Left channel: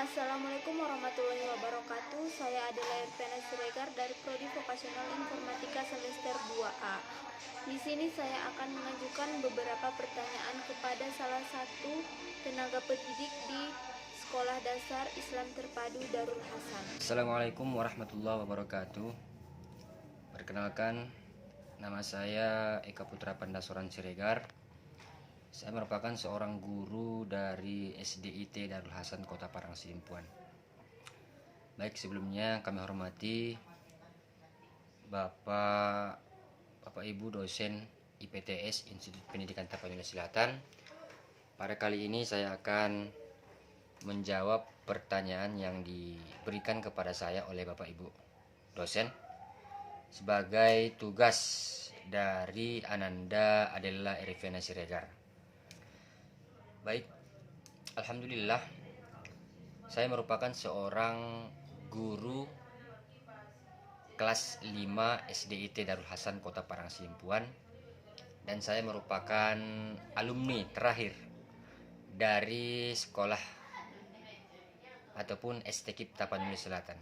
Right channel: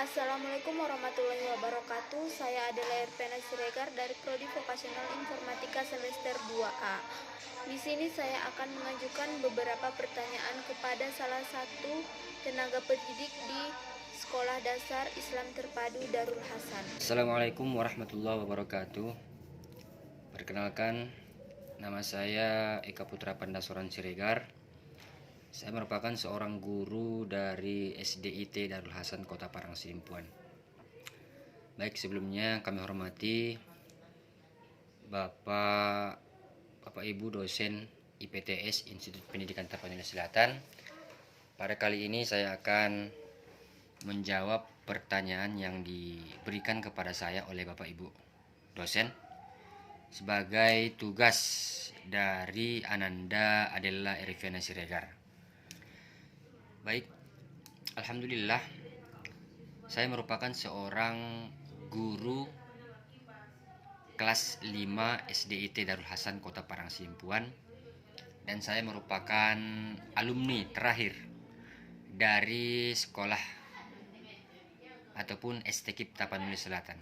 Assalamualaikum warahmatullahi wabarakatuh. Saya Adela Irvena Siregar dari Prodi Vokasional Informatika semester 2A. Di sini saya akan mengajukan beberapa pertanyaan kepada salah satu tenaga pendidik di Sekolah Dasar Islam Terpadu Darul Hasan. Assalamualaikum warahmatullahi wabarakatuh. Perkenalkan, nama saya Eka Putra Pandasoran Siregar. Saya merupakan seorang guru dari SDIT Darul Hasan Kota Parang Sidimpuan. Baik, sebelumnya kami hormati Bapak Ibu dosen IPTS Institut Pendidikan Tapanuli Selatan. Pada kali ini saya akan menjawab pertanyaan yang diberikan kepada saya oleh Bapak Ibu dosen sebagai tugas dari Ananda Adela Irvena Siregar. Baik, alhamdulillah saya merupakan seorang guru kelas 5 SDIT Darul Hasan Kota Parang Sidimpuan, dan saya merupakan alumni terakhir dari sekolah ataupun STKIP Tapanuli Selatan.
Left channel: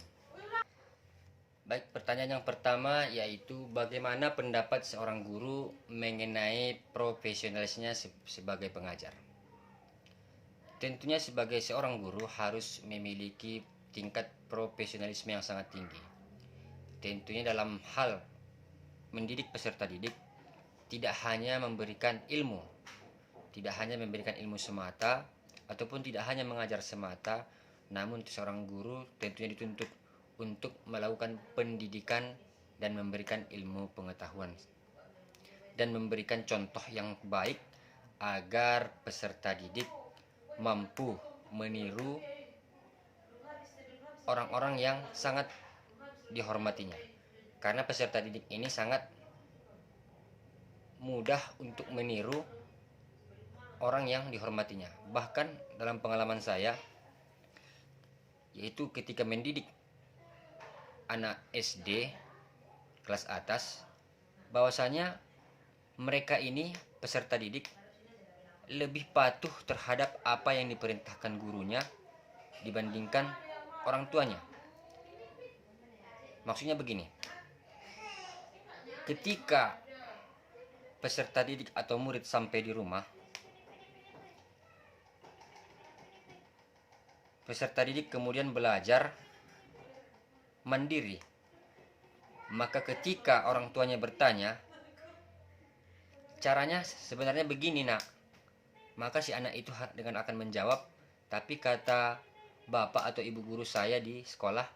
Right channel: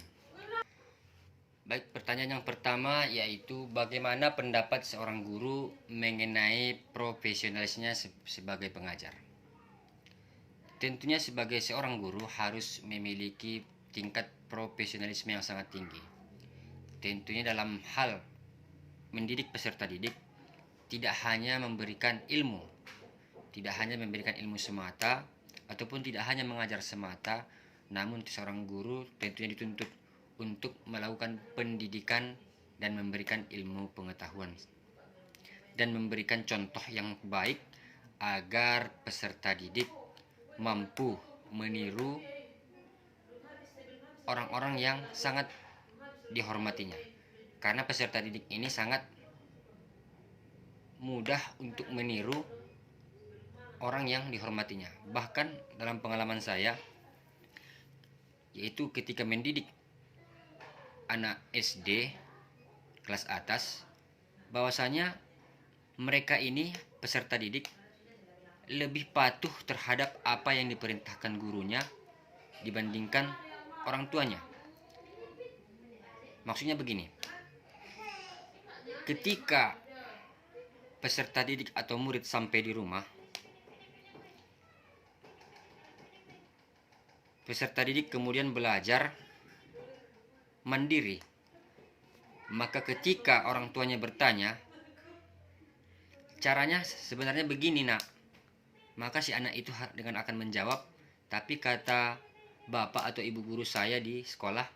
Baik, pertanyaan yang pertama yaitu bagaimana pendapat seorang guru mengenai profesionalisnya sebagai pengajar. Tentunya sebagai seorang guru harus memiliki tingkat profesionalisme yang sangat tinggi. Tentunya dalam hal mendidik peserta didik, tidak hanya memberikan ilmu semata, ataupun tidak hanya mengajar semata, namun seorang guru tentunya dituntut untuk melakukan pendidikan dan memberikan ilmu pengetahuan dan memberikan contoh yang baik agar peserta didik mampu meniru orang-orang yang sangat dihormatinya. Karena peserta didik ini sangat mudah untuk meniru orang yang dihormatinya. Bahkan dalam pengalaman saya, yaitu ketika mendidik anak SD kelas atas, bahwasanya mereka ini peserta didik lebih patuh terhadap apa yang diperintahkan gurunya dibandingkan orang tuanya. Maksudnya begini, ketika peserta didik atau murid sampai di rumah, peserta didik kemudian belajar mandiri. Maka ketika orang tuanya bertanya, caranya sebenarnya begini nak, maka si anak itu dengan akan menjawab, tapi kata bapak atau ibu guru saya di sekolah.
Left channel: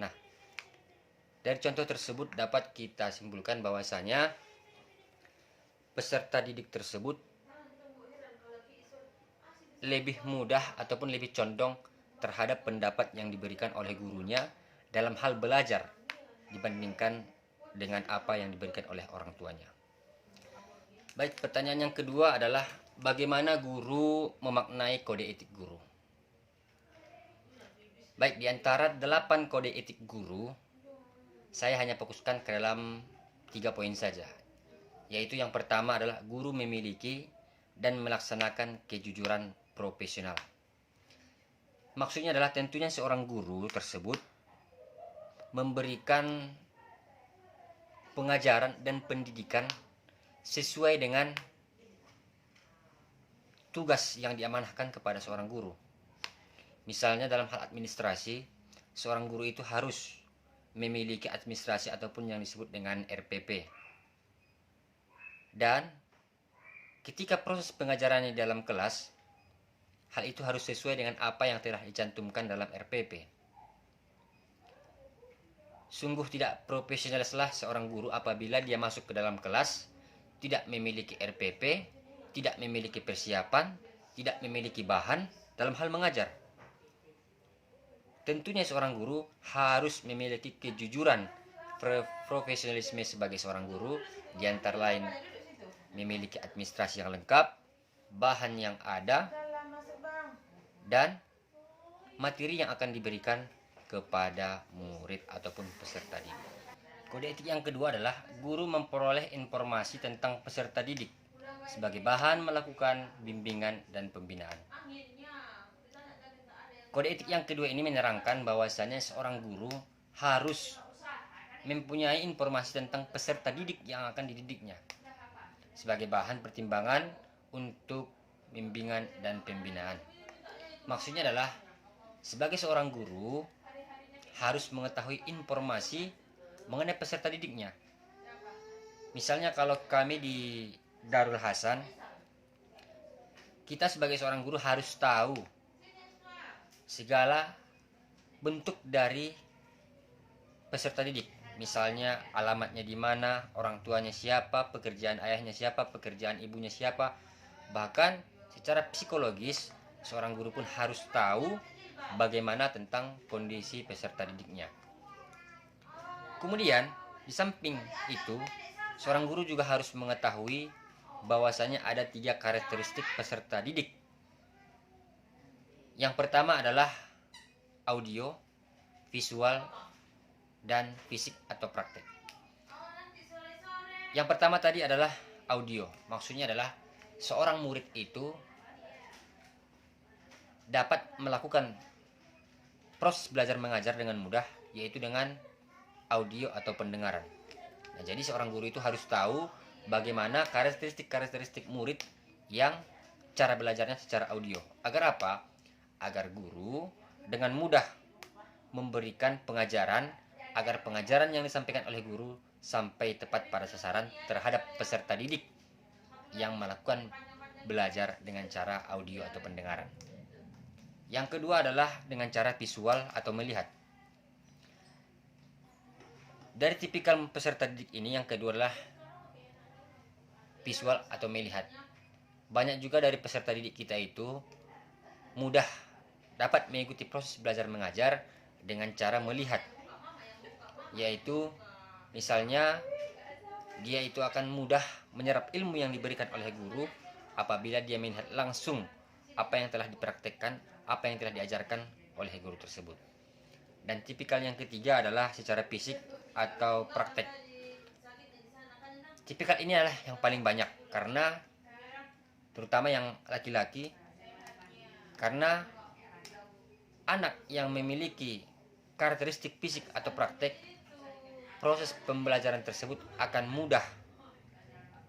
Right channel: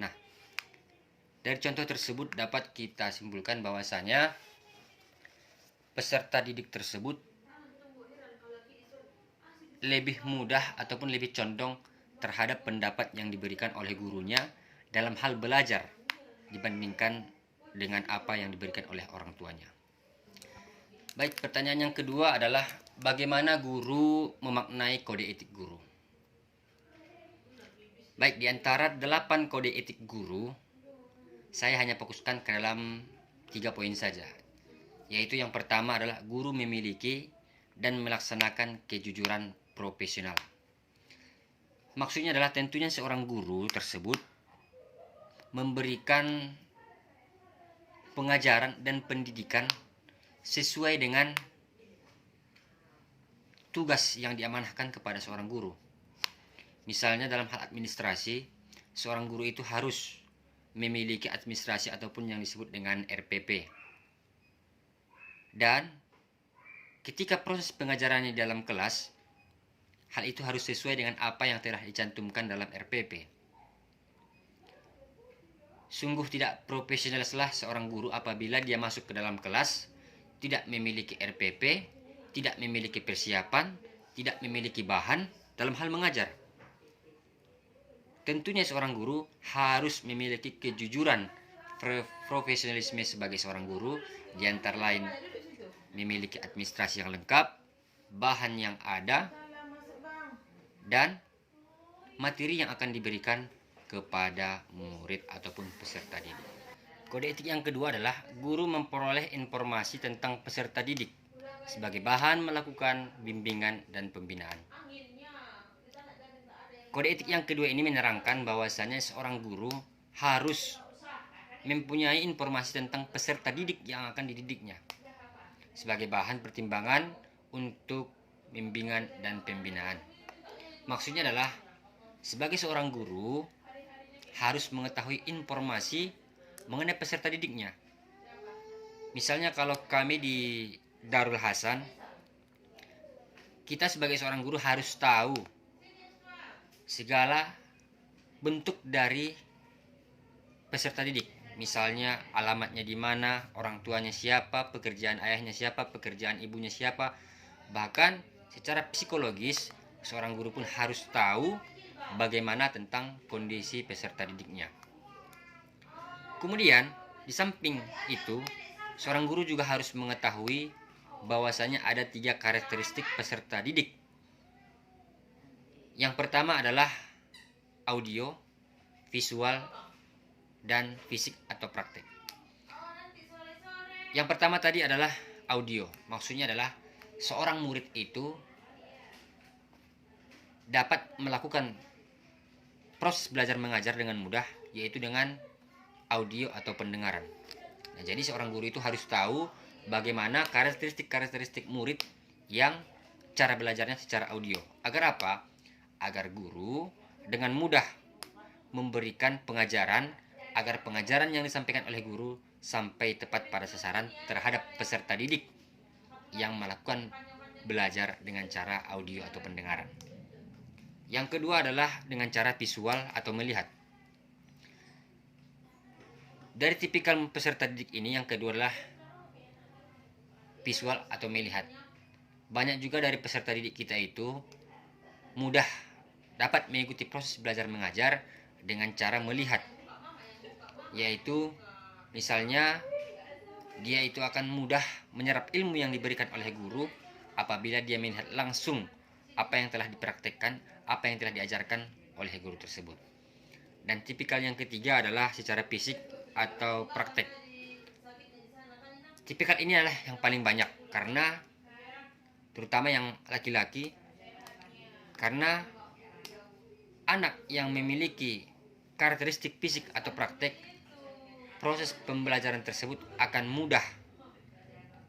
Nah, dari contoh tersebut dapat kita simpulkan bahwasanya peserta didik tersebut lebih mudah ataupun lebih condong terhadap pendapat yang diberikan oleh gurunya dalam hal belajar dibandingkan dengan apa yang diberikan oleh orang tuanya. Baik, pertanyaan yang kedua adalah bagaimana guru memaknai kode etik guru. Baik, di antara 8 kode etik guru, saya hanya fokuskan ke dalam 3 poin saja. Yaitu yang pertama adalah guru memiliki dan melaksanakan kejujuran profesional. Maksudnya adalah tentunya seorang guru tersebut memberikan pengajaran dan pendidikan sesuai dengan tugas yang diamanahkan kepada seorang guru. Misalnya dalam hal administrasi, seorang guru itu harus memiliki administrasi ataupun yang disebut dengan RPP. Dan ketika proses pengajarannya dalam kelas, hal itu harus sesuai dengan apa yang telah dicantumkan dalam RPP. Sungguh tidak profesionallah seorang guru apabila dia masuk ke dalam kelas tidak memiliki RPP, tidak memiliki persiapan, tidak memiliki bahan dalam hal mengajar. Tentunya seorang guru harus memiliki kejujuran profesionalisme sebagai seorang guru, di antara lain memiliki administrasi yang lengkap, bahan yang ada, dan materi yang akan diberikan kepada murid ataupun peserta didik. Kode etik yang kedua adalah guru memperoleh informasi tentang peserta didik sebagai bahan melakukan bimbingan dan pembinaan. Kode etik yang kedua ini menerangkan bahwasanya seorang guru harus mempunyai informasi tentang peserta didik yang akan dididiknya sebagai bahan pertimbangan untuk bimbingan dan pembinaan. Maksudnya adalah sebagai seorang guru harus mengetahui informasi mengenai peserta didiknya. Misalnya kalau kami di Darul Hasan, kita sebagai seorang guru harus tahu segala bentuk dari peserta didik. Misalnya alamatnya di mana, orang tuanya siapa, pekerjaan ayahnya siapa, pekerjaan ibunya siapa. Bahkan secara psikologis, seorang guru pun harus tahu bagaimana tentang kondisi peserta didiknya. Kemudian, di samping itu, seorang guru juga harus mengetahui bahwasanya ada 3 karakteristik peserta didik. Yang pertama adalah audio, visual, dan fisik atau praktek. Yang pertama tadi adalah audio. Maksudnya adalah seorang murid itu dapat melakukan proses belajar mengajar dengan mudah, yaitu dengan audio atau pendengaran. Nah, jadi seorang guru itu harus tahu bagaimana karakteristik murid yang cara belajarnya secara audio. Agar apa? Agar guru dengan mudah memberikan pengajaran, agar pengajaran yang disampaikan oleh guru sampai tepat pada sasaran terhadap peserta didik yang melakukan belajar dengan cara audio atau pendengaran. Yang kedua adalah dengan cara visual atau melihat. Dari tipikal peserta didik ini, yang kedua adalah visual atau melihat. Banyak juga dari peserta didik kita itu mudah dapat mengikuti proses belajar mengajar dengan cara melihat. Yaitu misalnya dia itu akan mudah menyerap ilmu yang diberikan oleh guru apabila dia melihat langsung apa yang telah dipraktekkan, apa yang telah diajarkan oleh guru tersebut. Dan tipikal yang ketiga adalah secara fisik atau praktek. Tipikal ini adalah yang paling banyak karena terutama yang laki-laki, karena anak yang memiliki karakteristik fisik atau praktek, proses pembelajaran tersebut akan mudah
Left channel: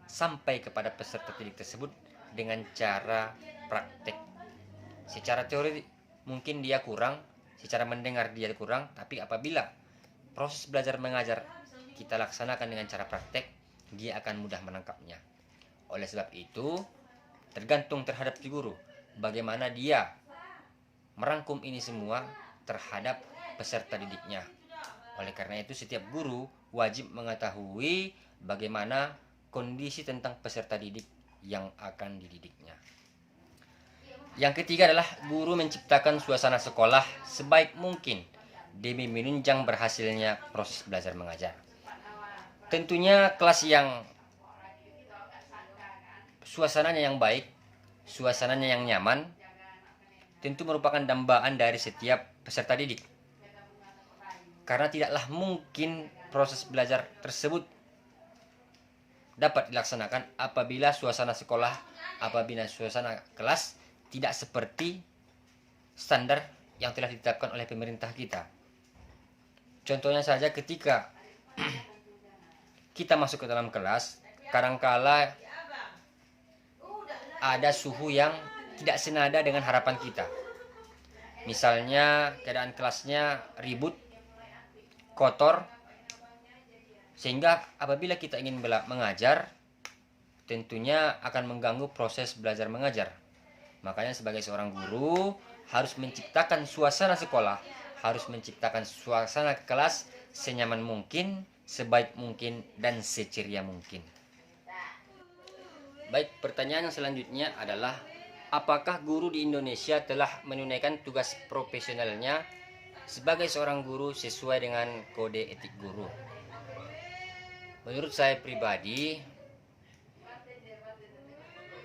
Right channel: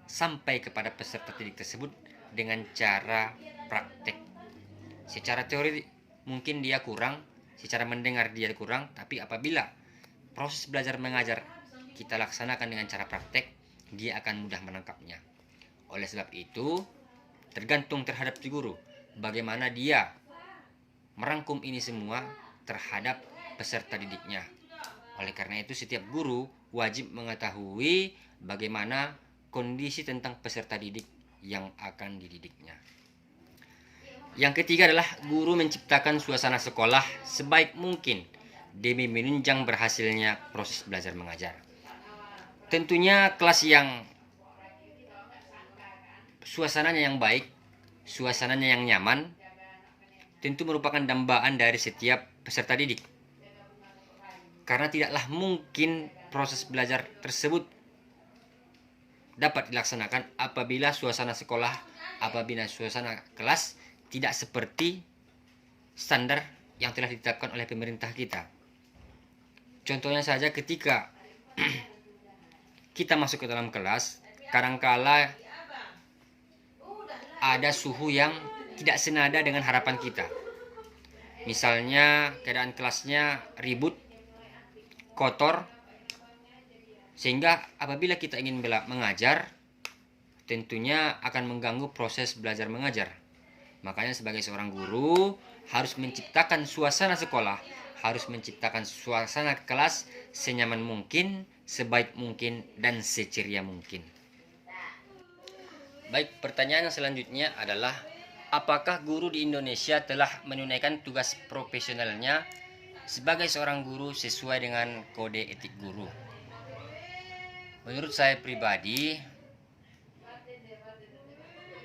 sampai kepada peserta didik tersebut dengan cara praktek. Secara teori mungkin dia kurang, secara mendengar dia kurang, tapi apabila proses belajar mengajar kita laksanakan dengan cara praktek, dia akan mudah menangkapnya. Oleh sebab itu, tergantung terhadap si guru bagaimana dia merangkum ini semua terhadap peserta didiknya. Oleh karena itu, setiap guru wajib mengetahui bagaimana kondisi tentang peserta didik yang akan dididiknya. Yang ketiga adalah guru menciptakan suasana sekolah sebaik mungkin demi menunjang berhasilnya proses belajar mengajar. Tentunya kelas yang suasananya yang baik, suasananya yang nyaman, tentu merupakan dambaan dari setiap peserta didik. Karena tidaklah mungkin proses belajar tersebut dapat dilaksanakan apabila suasana sekolah, apabila suasana kelas tidak seperti standar yang telah ditetapkan oleh pemerintah kita. Contohnya saja ketika kita masuk ke dalam kelas, kadangkala ada suhu yang tidak senada dengan harapan kita. Misalnya keadaan kelasnya ribut, kotor, sehingga apabila kita ingin mengajar, tentunya akan mengganggu proses belajar mengajar. Makanya sebagai seorang guru harus menciptakan suasana sekolah, harus menciptakan suasana kelas senyaman mungkin, sebaik mungkin, dan seceria mungkin. Baik, pertanyaan yang selanjutnya adalah apakah guru di Indonesia telah menunaikan tugas profesionalnya sebagai seorang guru sesuai dengan kode etik guru? Menurut saya pribadi,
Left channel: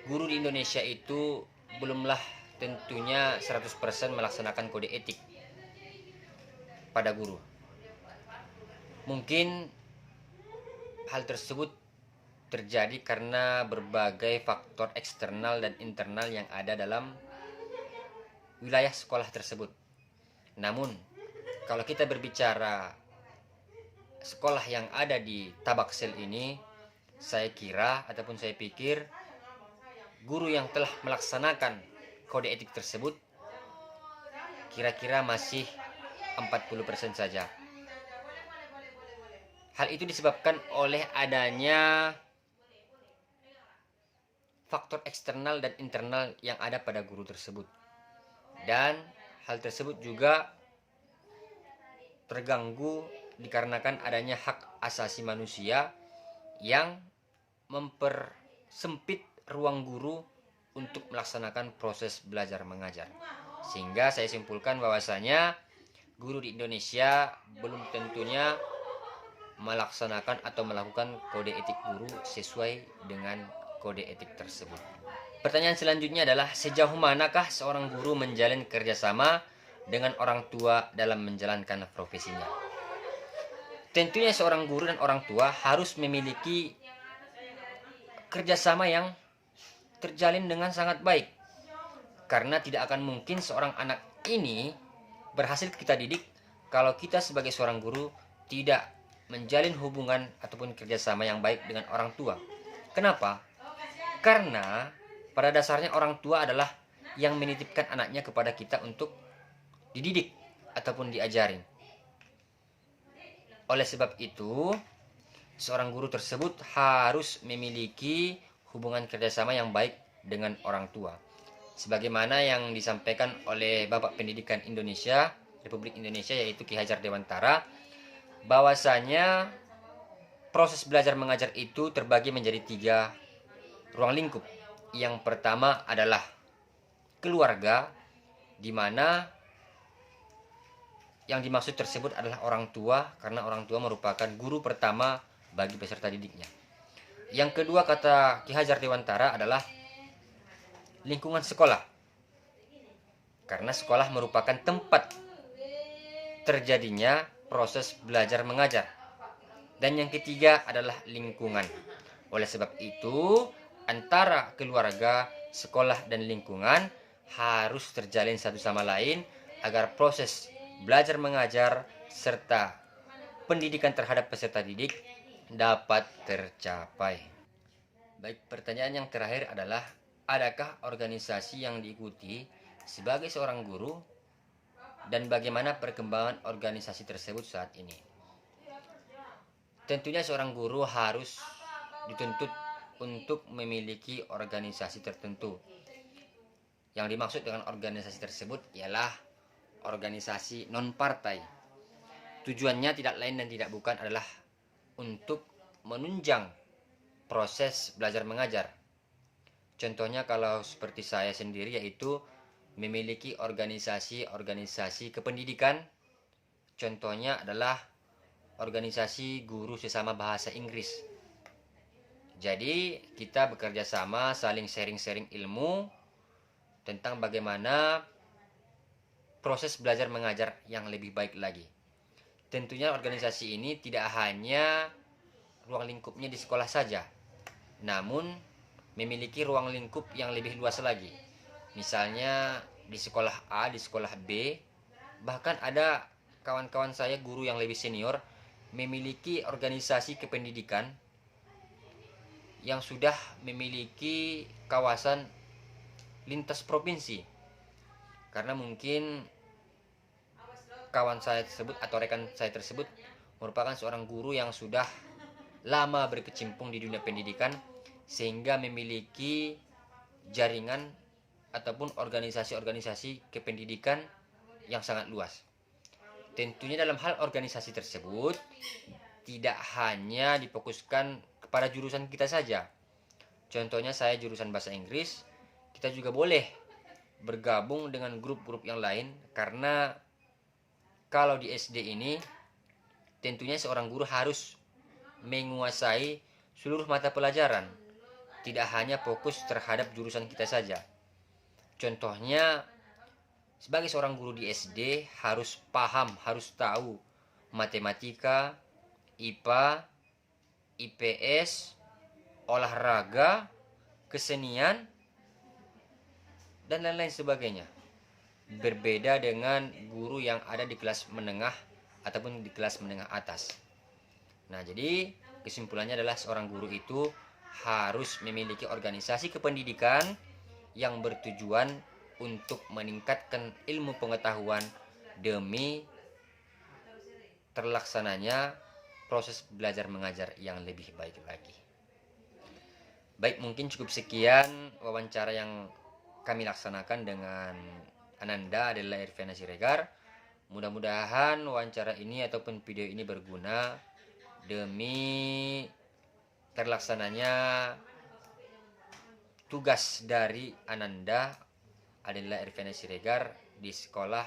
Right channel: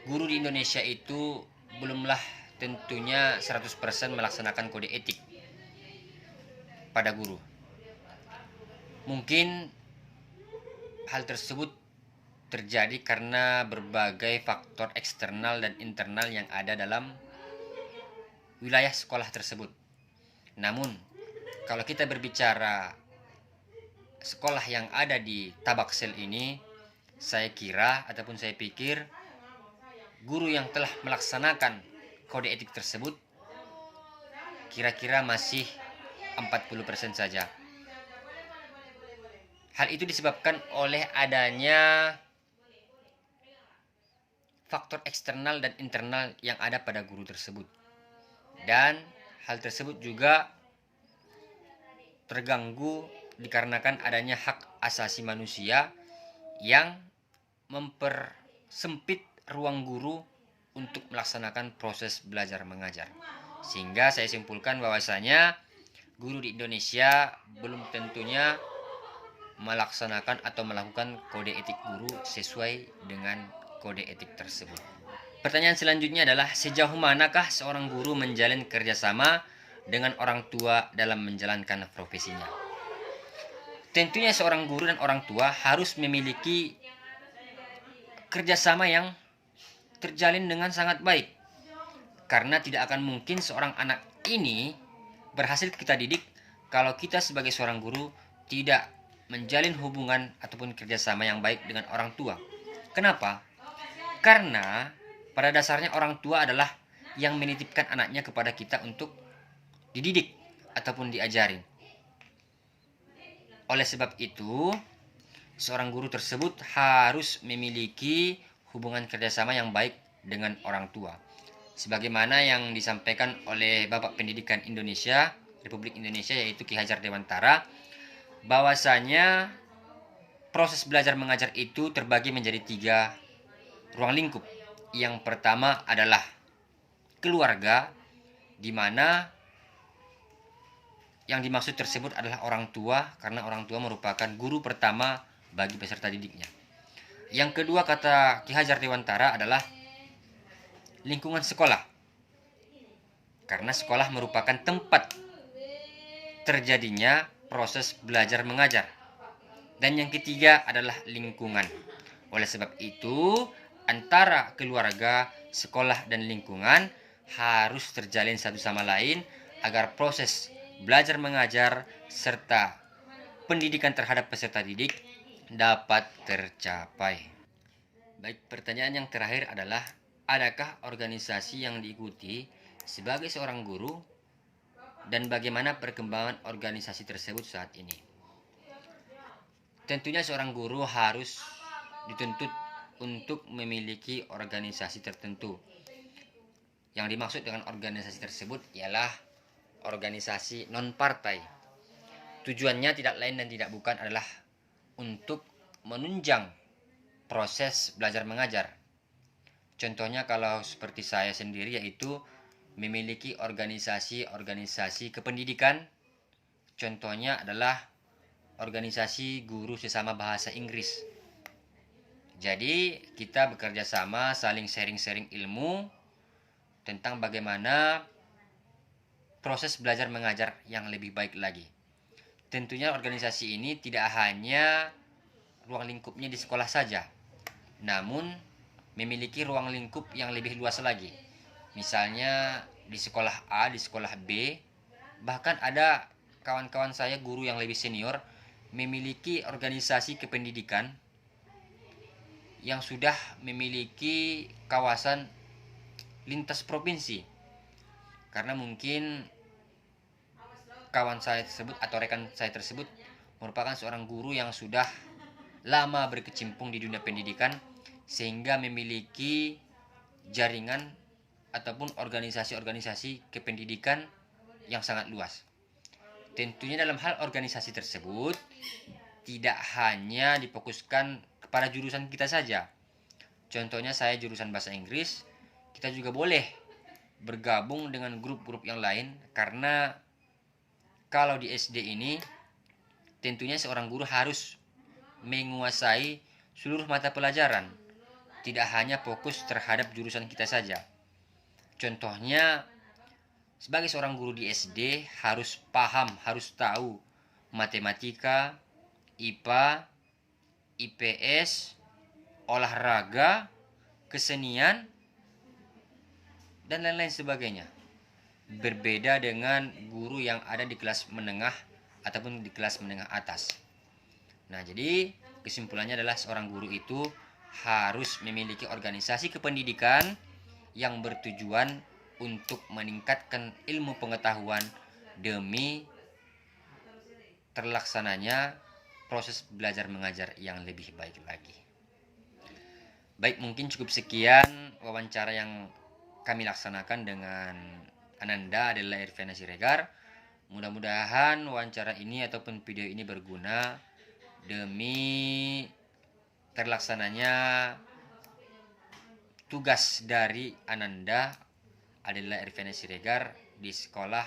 guru di Indonesia itu belumlah tentunya 100% melaksanakan kode etik pada guru. Mungkin hal tersebut terjadi karena berbagai faktor eksternal dan internal yang ada dalam wilayah sekolah tersebut. Namun, kalau kita berbicara sekolah yang ada di Tabaksel ini, saya kira ataupun saya pikir guru yang telah melaksanakan kode etik tersebut kira-kira masih 40% saja. Hal itu disebabkan oleh adanya faktor eksternal dan internal yang ada pada guru tersebut. Dan hal tersebut juga terganggu dikarenakan adanya hak asasi manusia yang mempersempit ruang guru untuk melaksanakan proses belajar mengajar. Sehingga saya simpulkan bahwasanya guru di Indonesia belum tentunya melaksanakan atau melakukan kode etik guru sesuai dengan kode etik tersebut. Pertanyaan selanjutnya adalah sejauh manakah seorang guru menjalin kerjasama dengan orang tua dalam menjalankan profesinya? Tentunya seorang guru dan orang tua harus memiliki kerjasama yang terjalin dengan sangat baik. Karena tidak akan mungkin seorang anak ini berhasil kita didik kalau kita sebagai seorang guru tidak menjalin hubungan ataupun kerjasama yang baik dengan orang tua. Kenapa? Karena pada dasarnya orang tua adalah yang menitipkan anaknya kepada kita untuk dididik ataupun diajarin. Oleh sebab itu, seorang guru tersebut harus memiliki hubungan kerjasama yang baik dengan orang tua. Sebagaimana yang disampaikan oleh Bapak Pendidikan Indonesia, Republik Indonesia, yaitu Ki Hajar Dewantara, bahwasanya proses belajar mengajar itu terbagi menjadi 3 ruang lingkup. Yang pertama adalah keluarga, di mana yang dimaksud tersebut adalah orang tua, karena orang tua merupakan guru pertama bagi peserta didiknya. Yang kedua, kata Ki Hajar Dewantara, adalah lingkungan sekolah, karena sekolah merupakan tempat terjadinya proses belajar mengajar. Dan yang ketiga adalah lingkungan. Oleh sebab itu, antara keluarga, sekolah, dan lingkungan harus terjalin satu sama lain agar proses belajar mengajar serta pendidikan terhadap peserta didik dapat tercapai. Baik, pertanyaan yang terakhir adalah, adakah organisasi yang diikuti sebagai seorang guru dan bagaimana perkembangan organisasi tersebut saat ini? Tentunya seorang guru harus dituntut untuk memiliki organisasi tertentu. Yang dimaksud dengan organisasi tersebut ialah organisasi non-partai. Tujuannya tidak lain dan tidak bukan adalah untuk menunjang proses belajar mengajar. Contohnya kalau seperti saya sendiri, yaitu memiliki organisasi kependidikan. Contohnya adalah organisasi guru sesama bahasa Inggris. Jadi kita bekerja sama, saling sharing-sharing ilmu tentang bagaimana proses belajar mengajar yang lebih baik lagi. Tentunya organisasi ini tidak hanya ruang lingkupnya di sekolah saja, namun memiliki ruang lingkup yang lebih luas lagi. Misalnya di sekolah A, di sekolah B, bahkan ada kawan-kawan saya guru yang lebih senior memiliki organisasi kependidikan yang sudah memiliki kawasan lintas provinsi. Karena mungkin kawan saya tersebut atau rekan saya tersebut merupakan seorang guru yang sudah lama berkecimpung di dunia pendidikan, sehingga memiliki jaringan ataupun organisasi-organisasi kependidikan yang sangat luas. Tentunya dalam hal organisasi tersebut tidak hanya difokuskan kepada jurusan kita saja. Contohnya saya jurusan bahasa Inggris, kita juga boleh bergabung dengan grup-grup yang lain, karena kalau di SD ini tentunya seorang guru harus menguasai seluruh mata pelajaran, tidak hanya fokus terhadap jurusan kita saja. Contohnya, sebagai seorang guru di SD harus paham, harus tahu matematika, IPA, IPS, olahraga, kesenian, dan lain-lain sebagainya. berbeda dengan guru yang ada di kelas menengah ataupun di kelas menengah atas. Nah, jadi kesimpulannya adalah seorang guru itu harus memiliki organisasi kependidikan yang bertujuan untuk meningkatkan ilmu pengetahuan demi terlaksananya proses belajar mengajar yang lebih baik lagi. Baik, mungkin cukup sekian wawancara yang kami laksanakan dengan Ananda Adela Irvena Siregar. Mudah-mudahan wawancara ini ataupun video ini berguna demi terlaksananya tugas dari Ananda Adela Irvena Siregar di sekolah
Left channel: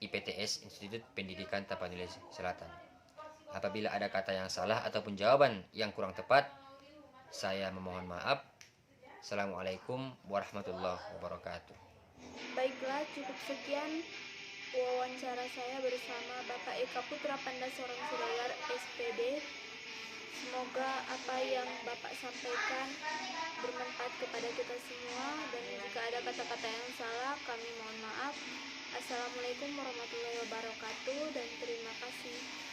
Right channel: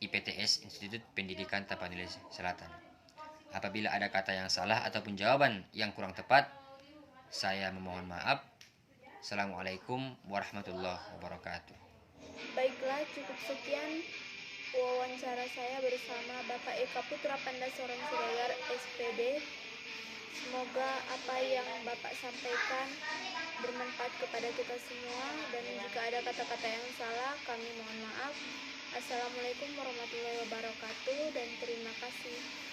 IPTS Institut Pendidikan Tapanuli Selatan. Apabila ada kata yang salah ataupun jawaban yang kurang tepat, saya memohon maaf. Assalamualaikum warahmatullahi wabarakatuh. Baiklah, cukup sekian wawancara saya bersama Bapak Eka Putra Pandasorong Siregar, SPD. Semoga apa yang Bapak sampaikan bermanfaat kepada kita semua, dan jika ada kata-kata yang salah, kami mohon maaf. Assalamualaikum warahmatullahi wabarakatuh, dan terima kasih.